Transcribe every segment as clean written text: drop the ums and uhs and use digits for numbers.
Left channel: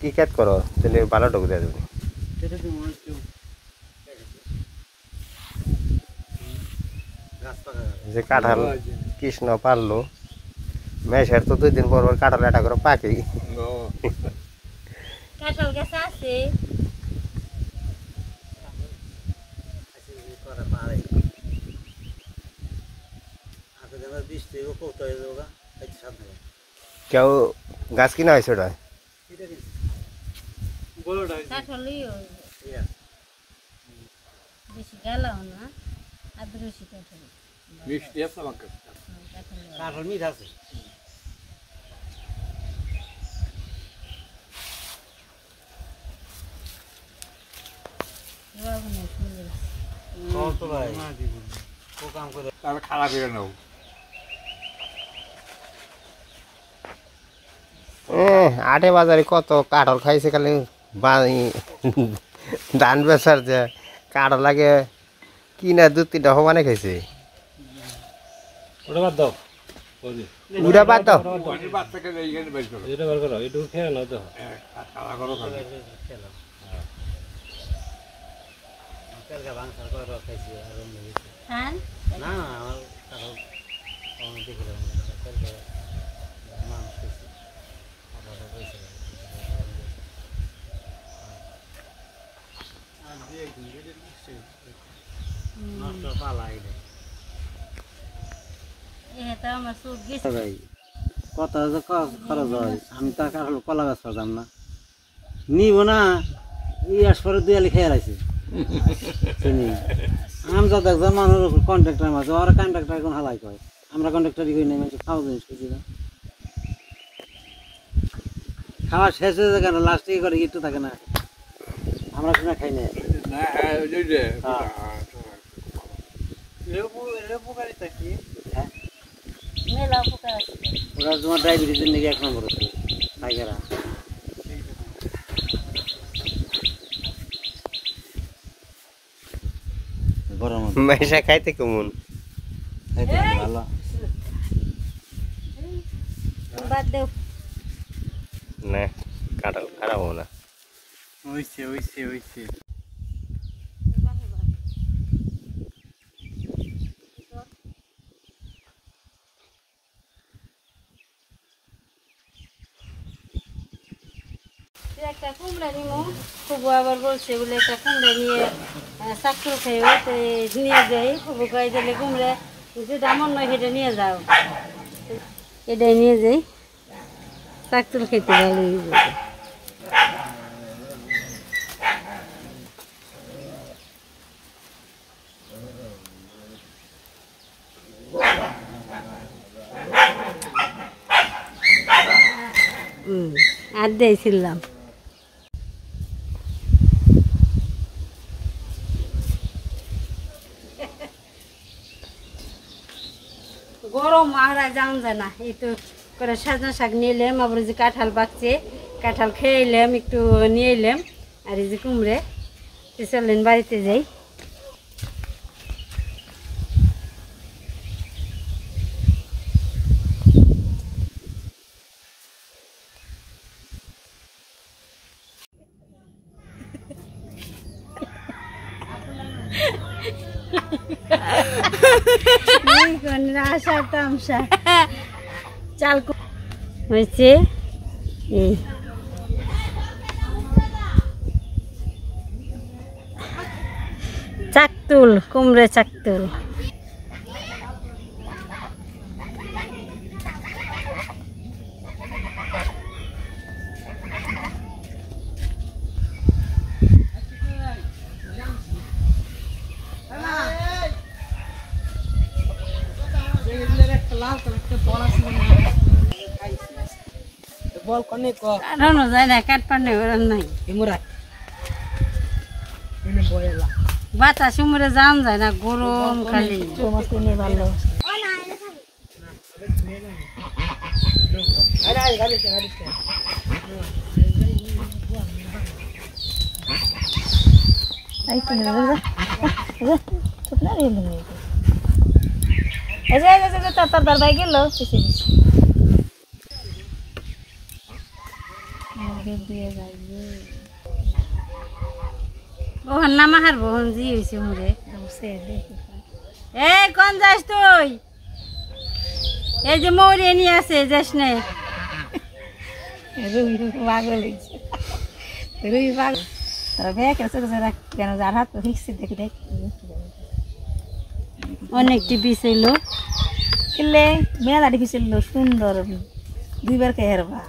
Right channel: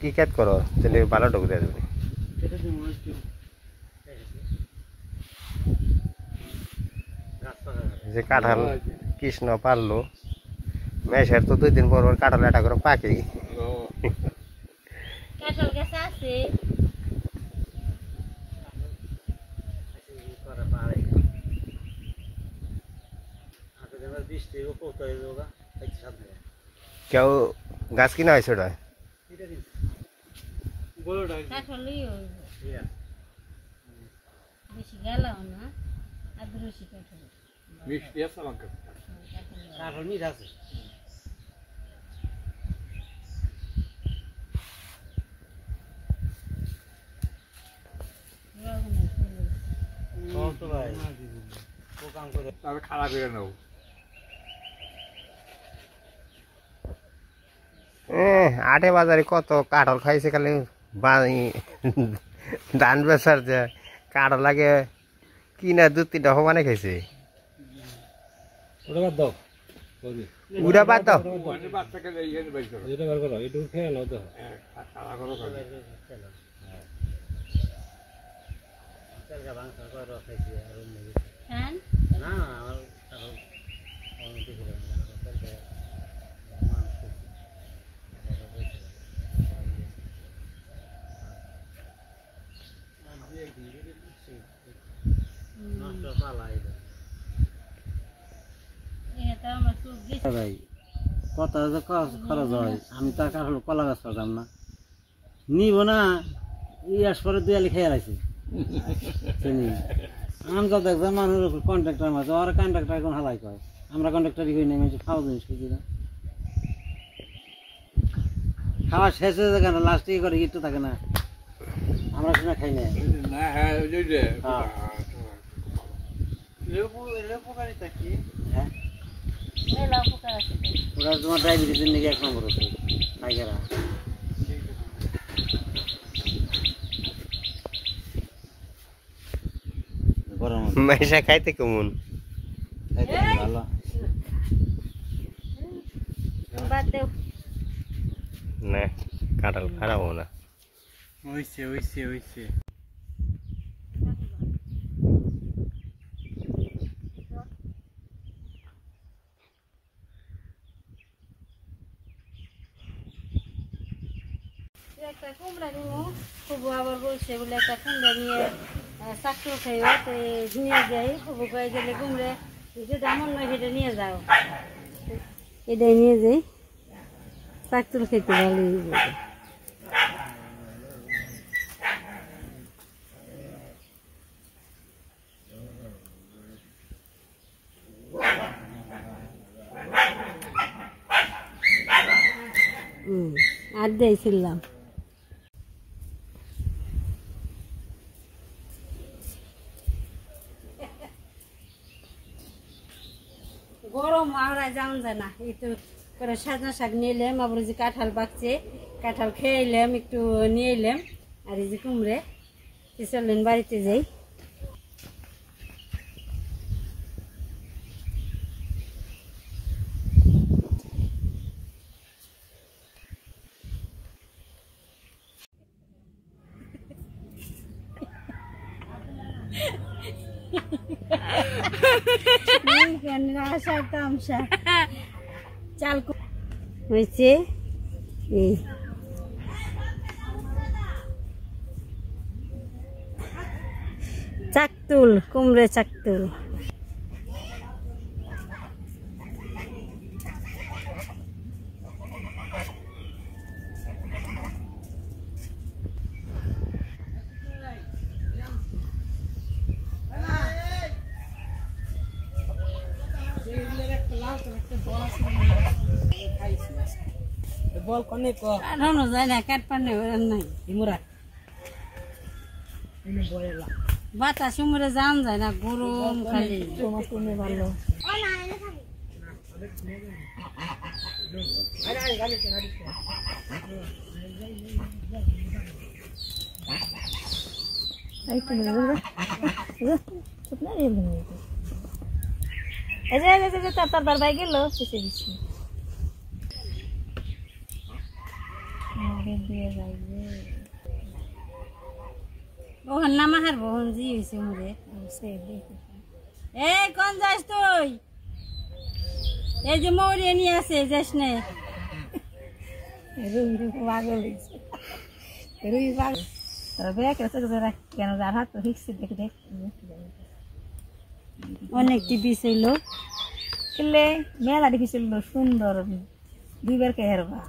কি কাট করো তাহলে ভালো ঢুক দেয় তুমি যে কাঁঠাল কৃষ্ণ পারলো মেশের তো 2 দিন পর পর কাঁঠাল এটা করে পাকে কাঁঠাল গাছ আছে কেউ গাছ কিনা হয়েছে ওটা কাঁঠালই বেশি গেলাও না আদ্রসি কাঁঠাল মিষ্টি আছে আমাকে কাঁঠাল মিঠা আছে খারাপ হয়ে নেব আটে বাজারে কত কাঁঠাল খাইছে খালি ধান বেচার যে কাঁঠাল লাগে কিনা 2-3টা সমানে খাইছে ওটা বাদ দাও উড়া বাদ দাও এটা বার করো একটু খেয়ে নাও তো খান না এটা আমার চোখ গেছে ভাই কত খরচ হয় আমি তো কাঁঠাল কলা গাছ পাতাম না নিব না ইয়াস পরে 2 আলি খেয়ে রাখছি শুনি আমি তো দেখলাম মানুষ কন্ট্রাক্টর মাঝে ওরা কন্ট্রাক্টর কোন হালাই করে আমরা কন্ট্রাক্টরই করি না খাওয়া জিনিস খুঁজি না খাওয়া শেষ হয়ে যায় কেন লাস্টে করে একটু থাকে না আমরা কিনা খাই না মেলা পোকা আছে ওরা তোমার ডায়াবেটিসের নাকি 1 নম্বর আছে পাইকারা গরম মেশা খাইতে কেমন খাইতে ভালো বাদ দেও না কাঁঠাল খারাপ হবে না ওইছে একটা কুমড়া নিমু খুব আবার বলছে বলে একটা কুমড়া নিয়ে চাকু খেয়ে তো নিয়ে যাই খুব গাই দিলে কুমড়া যেটা মন নয় সেটা নিয়ে যাও এটাই নিয়ে যাই চাকতুল খেতে ভালো আর দিয়েছিলাম গরম আমরা যাওয়া যায় না এই তো করে সাজনা শাক নিয়ে এলাম আবার যে কাঁঠাল পাকছে কাঁঠাল খেয়ে এলাম একটু নিয়ে এলাম আর এই যে কুমড়ে চললেন বাড়িতে যাই আশা তামসা চাল হয়েছে এই চাকতুল কুমড়ে চাকতুল বল কোনে কো কাটানো যায় না কাট পারলে ওরম নাই ইমুরা এনে বয়লা বাতাস উমরে জাম যায় না গরম খালি তোমার কিনে ভালো আরে গাড়ি এই তো না তো না রে নি এই যে তার দরবাই গেল কিছু ওহন নামা হারবো হন জি হয়েছে মুরে এই কোন যাস তুই এই যে মৌরি নিয়ে আছে যাস নে রুই পাগল হয়েছে রুই পাগল কেন যার হাত হিকছে দেখি দেখ অনেকটি বিষয়লো কিনলে মেলা দেখিছিল সুন্দর দুইবার কে হেরবা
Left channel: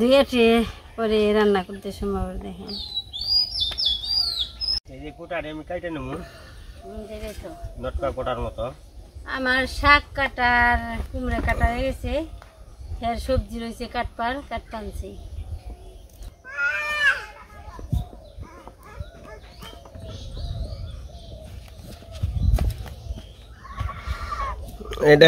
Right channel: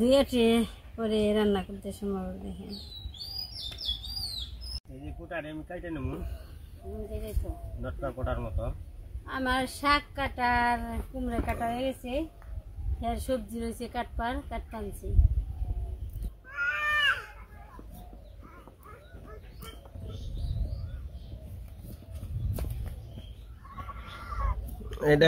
দুইটি পরে রান্না করতে সময় দেখেন এই যে কোটারে আমি কাটে নেব নটকা কোটার মতো। আমার শাক কাটার কুমড়া কাটা হয়ে গেছে ফের সবজি রয়েছে কাট পানছি এটা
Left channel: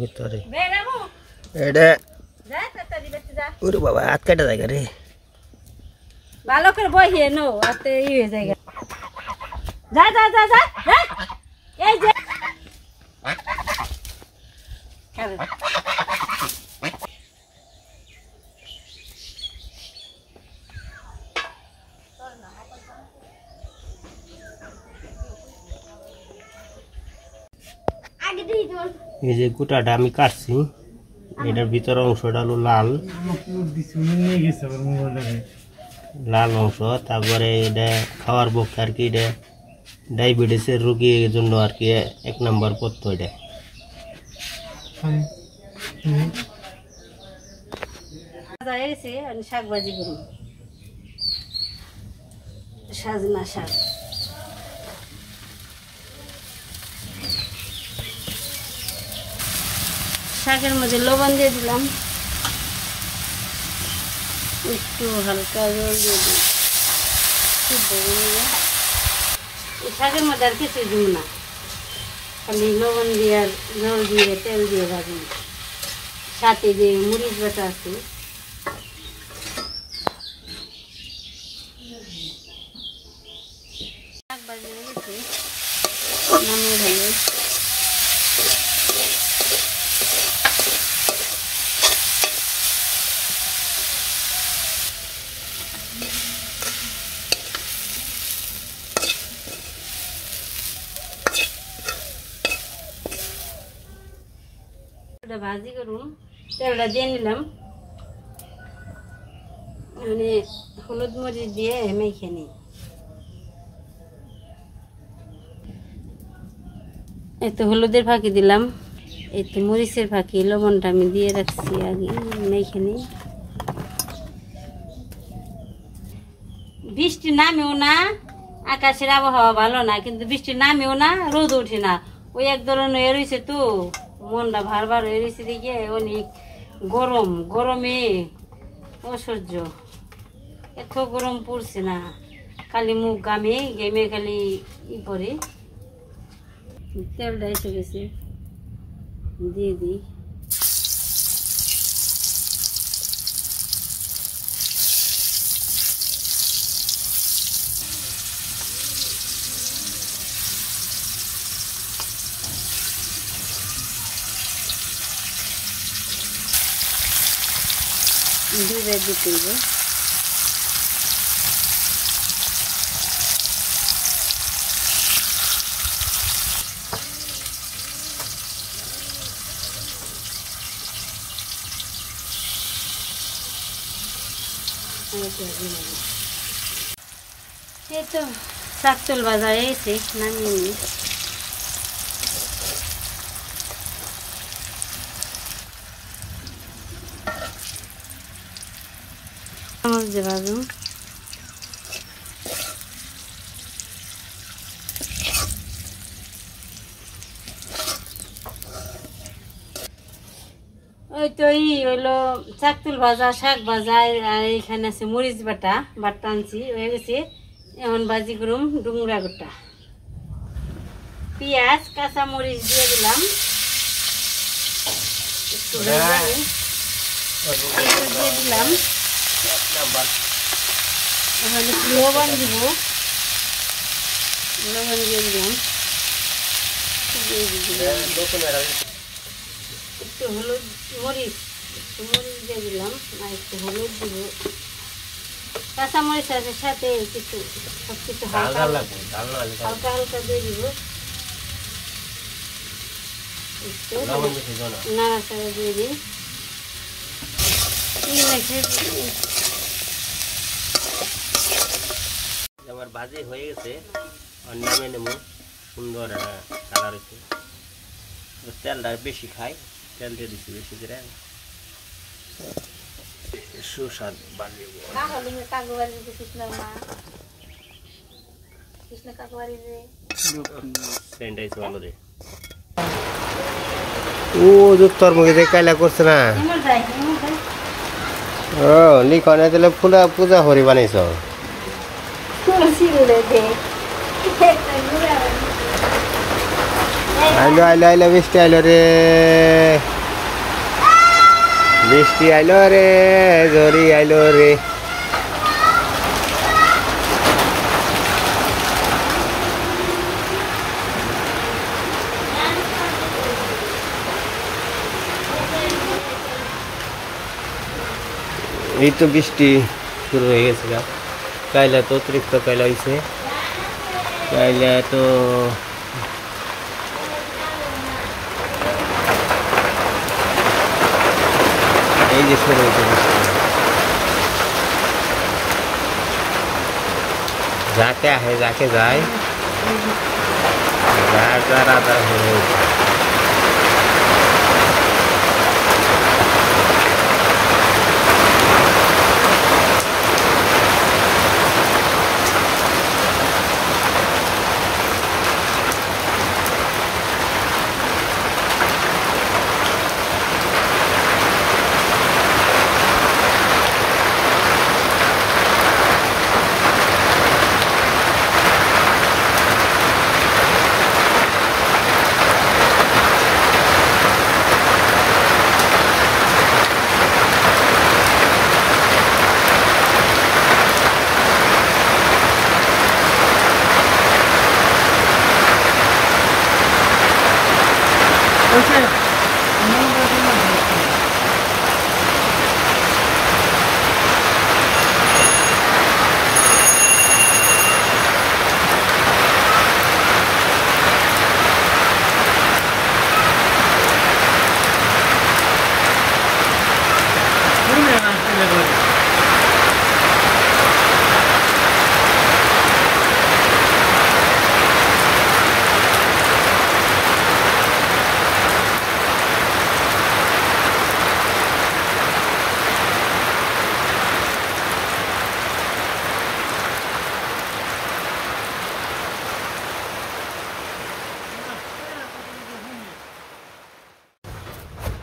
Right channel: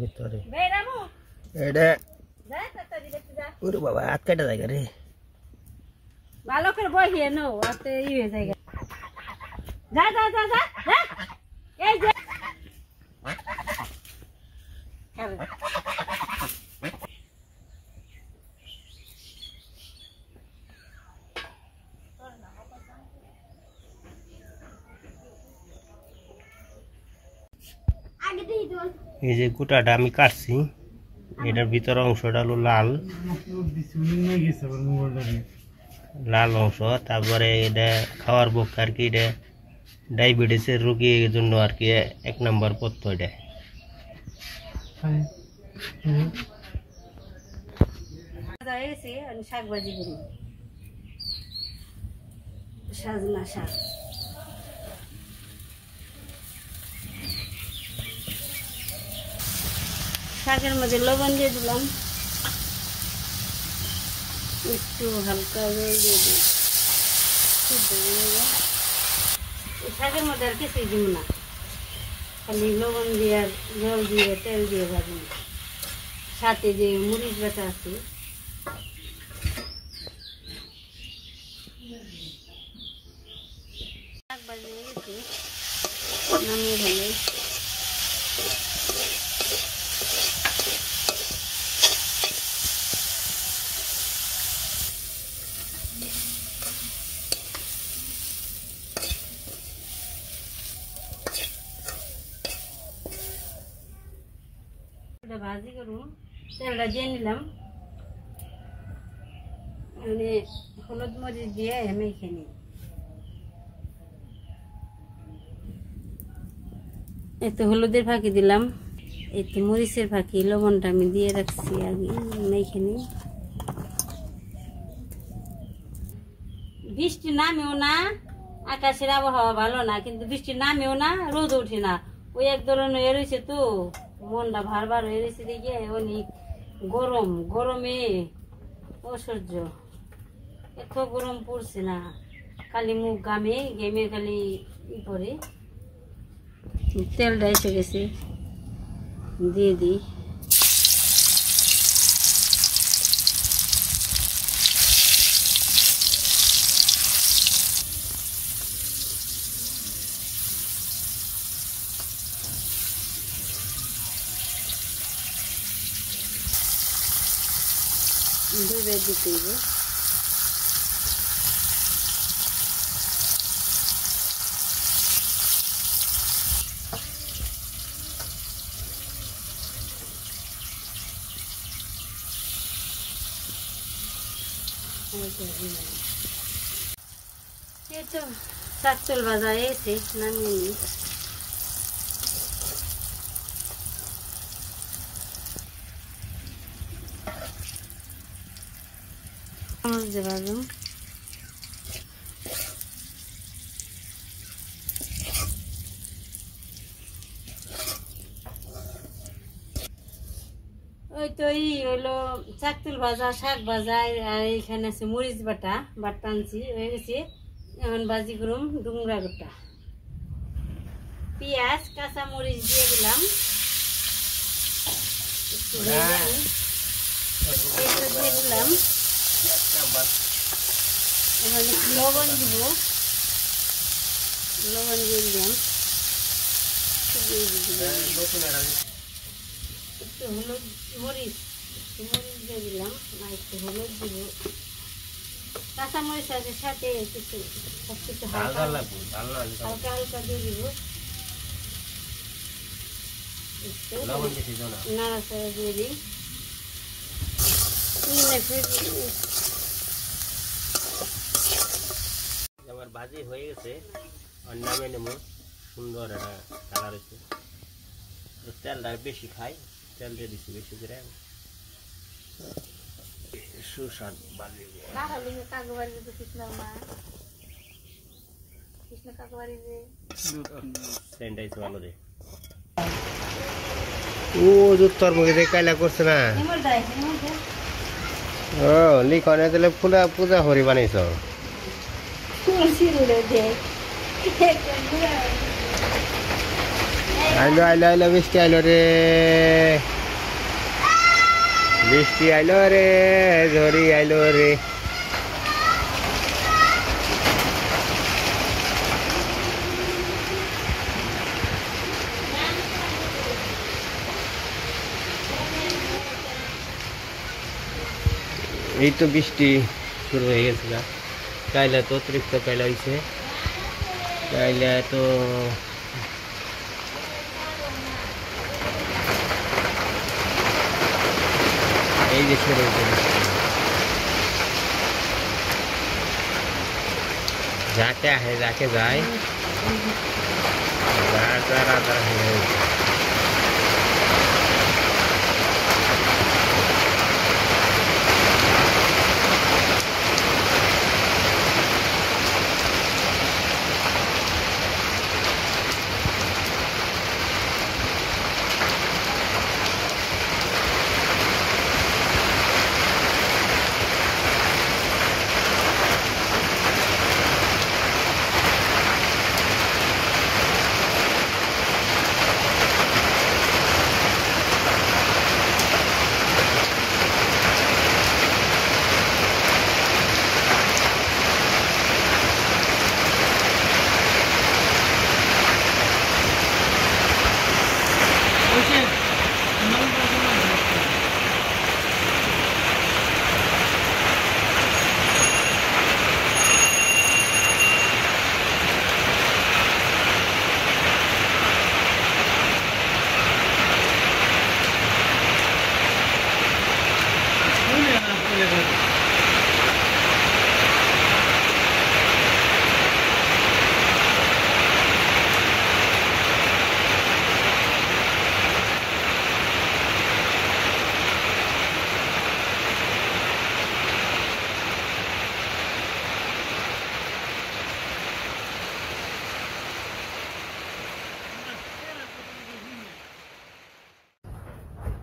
ভিতরে এটা ওরে বাবা হাত কাটা যায় রে ভালো করে বহিয়ে নো আতে ই হয়ে যায় যা যা যা যা এই যে এই যে গোটাটা আমি কাটছি এটার ভিতর অংশটা হলো লাল লাল অংশ তারপরে এটা খাওয়ার পক্ষে আর কি এটা ডায়াবেটিসের রোগীর জন্য আর কি 1 নম্বর পথ্য এটা শাক ভাজি করি সাজনা শাক শাকের মধ্যে লবণ দিয়ে দিলাম একটু হালকা জল দিয়ে দিই এই শাকের মধ্যে আর কিছুই দিব না খালি লবণ দিয়ে আর জল দিয়ে তেল দিয়ে ভাজি সাথে যে মরিচ বাটা আছে শাক ভাজি হয়ে গেছে নামিয়ে ভালো ভাজি করুন তেলটা দিয়ে নিলাম মানে হলুদ মরিচ দিয়ে মেখে নিই এই তো হলুদের ফাঁকি দিলাম এই তো মরিচের ফাঁকি লবণটা আমি দিয়ে রাখছি আগে মেখে নিই বৃষ্টি নামেও না আকাশের আবহাওয়া ভালো না কিন্তু বৃষ্টি নামেও না রোদ ওঠে না ওই এক ধরনের হয়ে রয়েছে তো মনটা ভার হয়ে রয়েছে দেখে অনেক গরমে অসহ্য এত গরম পড়ছে না খালি মুখ ঘেমে খালি ই করে তেলটা এসে গেছে দিয়ে দিই ডুবে দিতে হবে এই তো শাকচল বাজার এসে নামিয়ে নিই যে ভাজুন ওই তো হইলো চাকতুল ভাজা শাক ভাজা আর এখানে আছে মরিচ বাটা আনছি হয়ে গেছে এখন ভাজি করুম ডুংরা গোটা পেঁয়াজ কাঁচা মরিচ দিয়ে দিলাম একটু দিয়ে দিলাম এখন একটু লবণ দিব, লবণ দিয়ে দিলাম, একটু হলুদ মরিচ দিয়ে দিলাম, আর একটু হলুদ দিব, কাঁচামরিচ আছে সাথে কিছু, সব কিছু হালকা হালকা দিয়ে দিব, একটু নাড়াচাড়া দিয়ে দিই। আমার ভাজি হয়ে গেছে, নামে নেবো। সুন্দর একটা কালার হয়েছে। তেলটা বেশি খাই, তেল দিয়ে দিচ্ছি বেশি করে, সুস্বাদ বাজি। ভালো রে ও তোর মুখে কাইলা করছে না। ও লিখনে দিলে ফুলা পূজা হরি বানাইছ। আইলো আইলো আইলো বৃষ্টি আইলো রে, বৃষ্টি আইলো রে, ঝড়ি আইলো রে। এই তো বৃষ্টি শুরু হয়ে গেছে। কাইলা তো অতিরিক্ত কাইলা হয়েছে, কাইলা তো এই যে শুরু হয়েছে। যাকে আহে যাকে যায়, রাধা হয়ে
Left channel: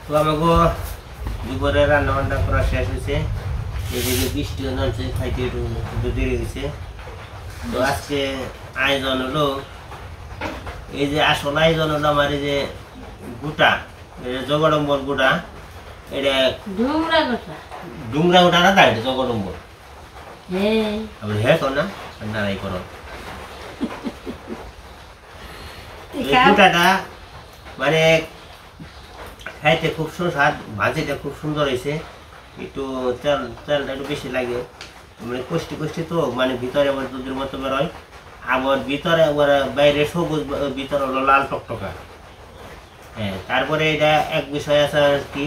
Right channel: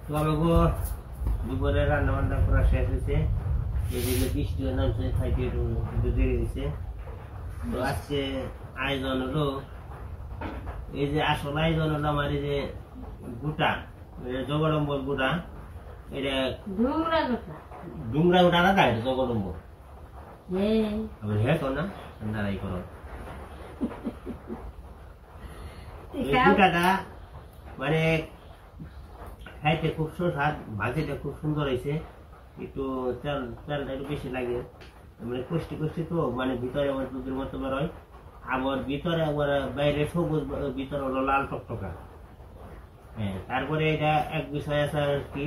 তো আমাকে দুপুরে রান্না বান্না করা শেষ হয়েছে। এদিকে বৃষ্টিও নামছে, খাইতে একটু দেরি হয়েছে। তো আজকে আয়োজন হলো, এই যে আসল আয়োজন হলো আমার এই যে গোটা, জগডম্বর গোটা, এটা ডুমরা গোটা না, তাই জগডম্বর। আবার হ্যাঁ কর না, নারাই করো। গোটাটা মানে খাইতে খুব সুস্বাদ, ভাজিটা খুব সুন্দর হয়েছে। একটু তেলটা একটু বেশি লাগে, মানে কষ্টি কষ্টি তো, মানে ভিতরে আবার দুধের মতো বেরোয়, আবার ভিতরে আবার বাইরে সবুজ, ভিতরে হলো লাল টকটকা। হ্যাঁ, তারপরে এটা এক বিষয় আছে আর কি,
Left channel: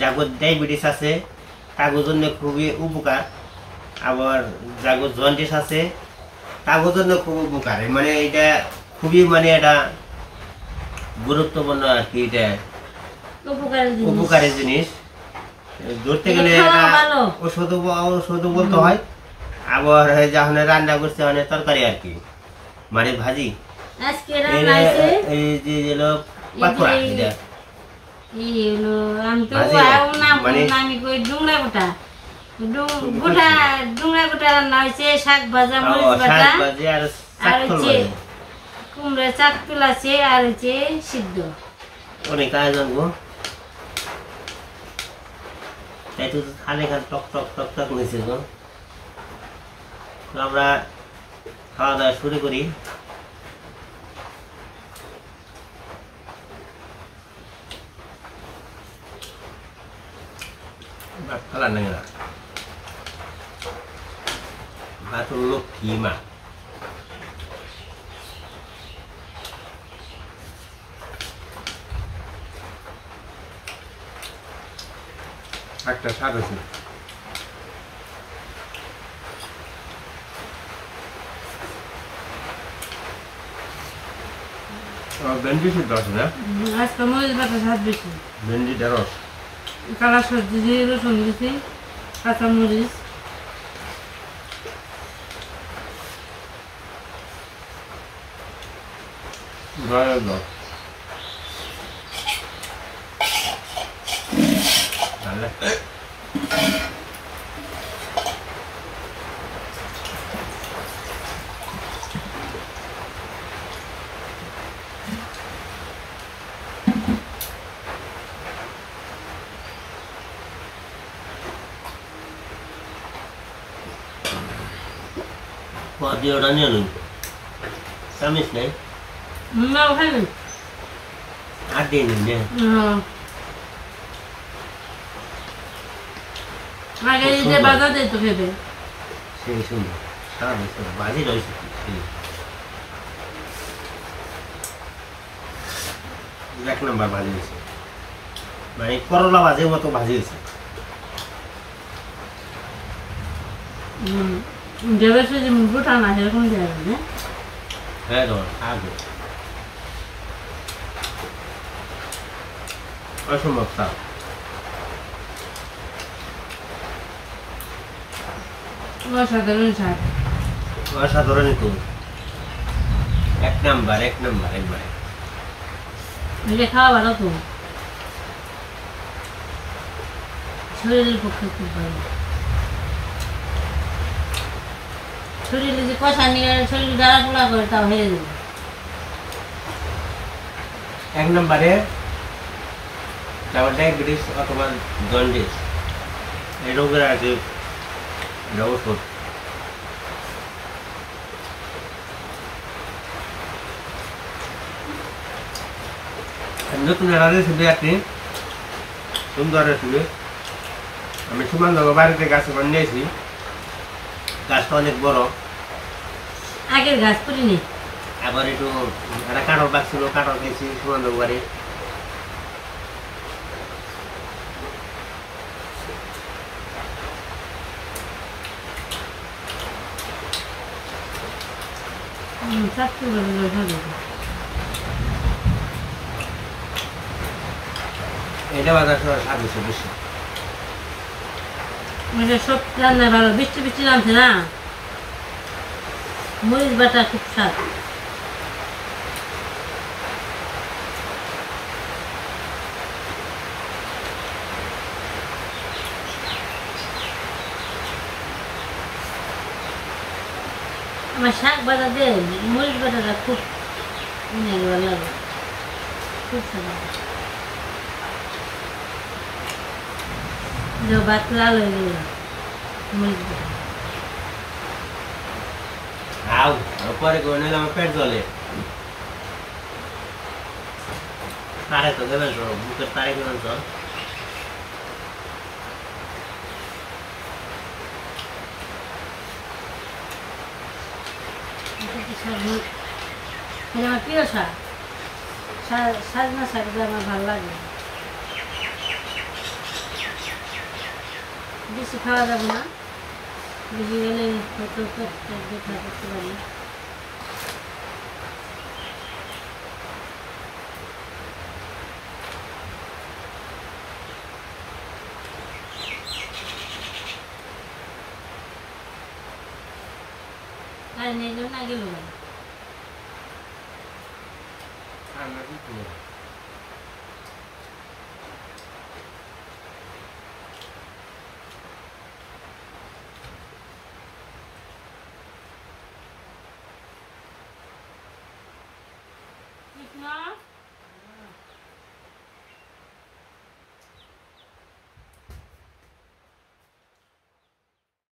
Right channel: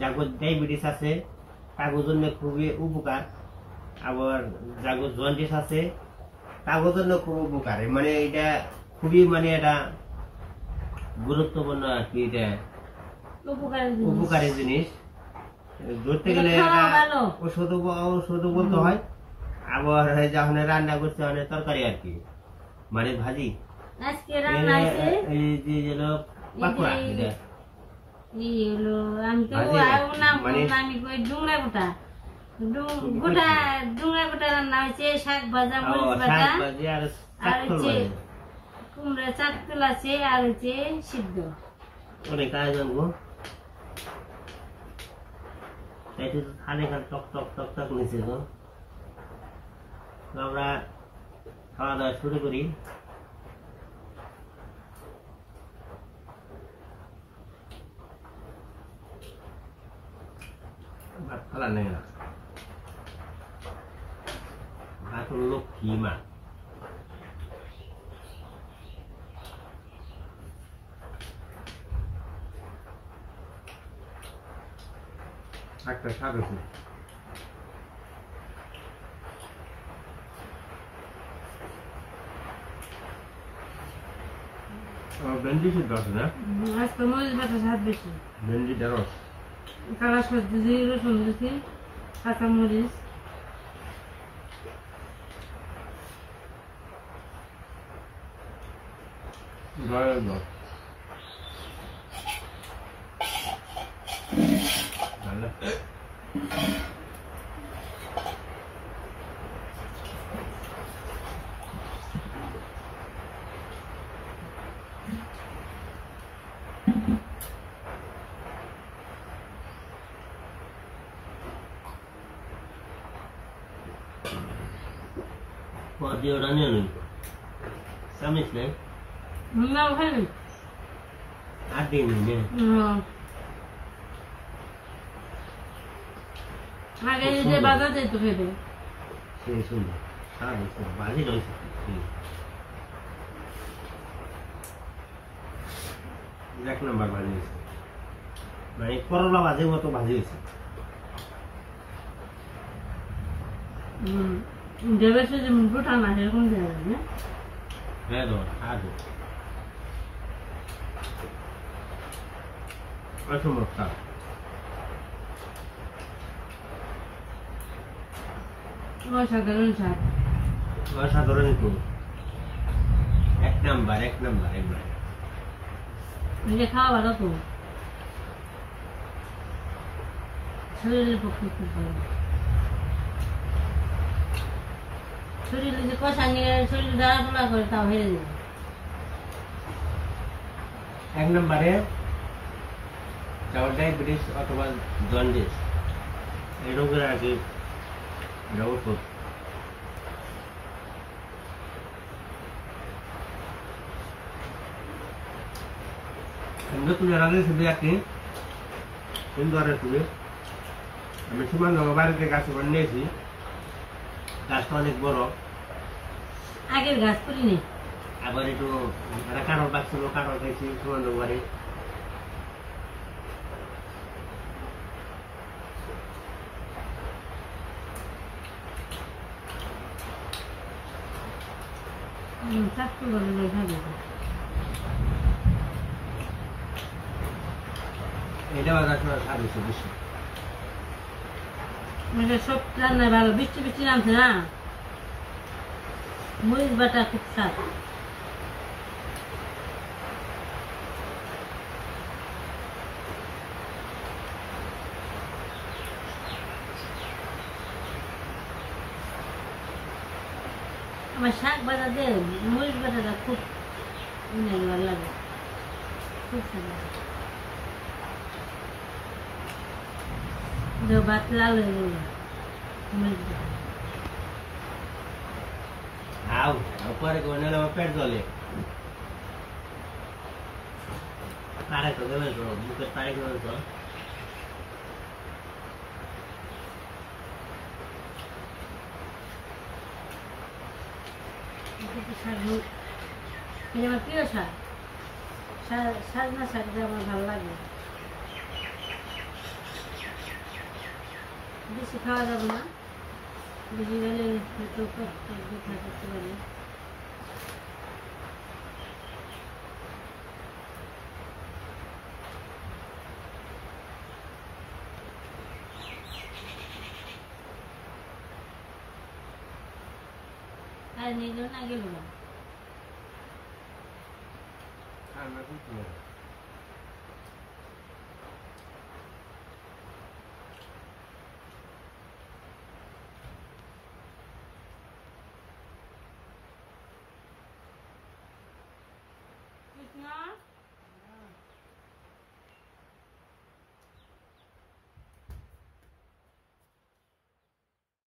যাগর ডায়াবেটিস আছে তাগর জন্য খুবই উপকার, আবার যাগর জন্ডিস আছে তাগর জন্য খুব উপকার। মানে এটা খুবই মানে এটা গুরুত্বপূর্ণ আর কি, এটা উপকারী জিনিস। ধরতে গেলে ওষুধ বলতে হয়, আবার যখন রান্না করছে মানে তরকারি আর কি, মানে ভাজি। এই যে পাকোড়া, এটা শাক ভাজা, কুমড়া চাকতুল আছে, আর হচ্ছে সিদ্ধ। অনেক আয়োজন গো। তাই তো থালে খান টক টক টক টক নিয়েছে তো। তো আমরা খাওয়া দাওয়া শুরু করি। ভাত খালা নাই না, ভাত হলো ফিমা। একটা স্বাদ আছে। ভেন্ডি সিদ্ধ আছে না? আজকে মরিচ বাটা স্বাদ বেশি। ভেন্ডি ঢেঁড়স কালা সবজি দিয়ে রসুন দিছি, কাঁচা মরিচ। গায়ের দাও ভালো। দিওটা নিয়ে নিন, চামিচ নেই না ওখানে আর দিয়ে নিন যে। আগে যে বাজার দিত খেতে সেই সুন্দর সারা বছর বাজি রয়েছে সেই এক নম্বর ভাজি হয়েছে, মানে করলা ভাজির মতো ভাজি হয়েছে। দেবেছে যে মুখটা না সেরকম দেবে না। হ্যাঁ তোমার আগে অসম্ভব স্বাদ। অসাধারণ স্বাদ, অসাধারণই তো, এক নাম্বার এক নাম্বার একবারে। এটা খাওয়া ভালো তো, শরীরের পক্ষে খুব ভালো। শরীরে যে কষা নিয়ে শরীর জ্বালা পোড়া করে তাও হেরে যাবে। এক নম্বরে ডায়াবেটিস অথবা জন্ডিস এই রোগের আছে এটা ওষুধ। নতুন একটা রেসিপি একটি সুন্দর রেসিপি। আমি সুমনগর বাড়িতে গাছ নিয়েছি, গাছটা অনেক বড়। আগের গাছ করিনি, আবার একটু একটা কাঁঠাল গাছ ছিল, কাঁঠাল খেয়েছি সুমনগর বাড়ি। স্বাস্থ্য ভালো ভালো। এটা বাজার স্বাদ হচ্ছে বেশি। এটা সব রান্নায় ভালো, বৃষ্টি বৃষ্টি নামছে না, মরিচ বাটা খুব স্বাদ। আমার শাক বাটা দিয়ে মরিচ বাটাটা খুব ভালো লাগে, খুব স্বাদ লাগে। ভাত লাল হয়ে গেল মরিচ বাটা। আও পরে করে নিলে আমার পেট জ্বলে। তারে তো দেবেন তো, বুকের তারে দেবেন তো। আমার প্রিয় শাক, সাজনা শাকটা আমার ভালো লাগে। বেশি খাওয়া যাবে না, বেশি গেলে হয়তো পেটটা ব্যথা করতে পারি। আর নেই না গেল ঠান্ডা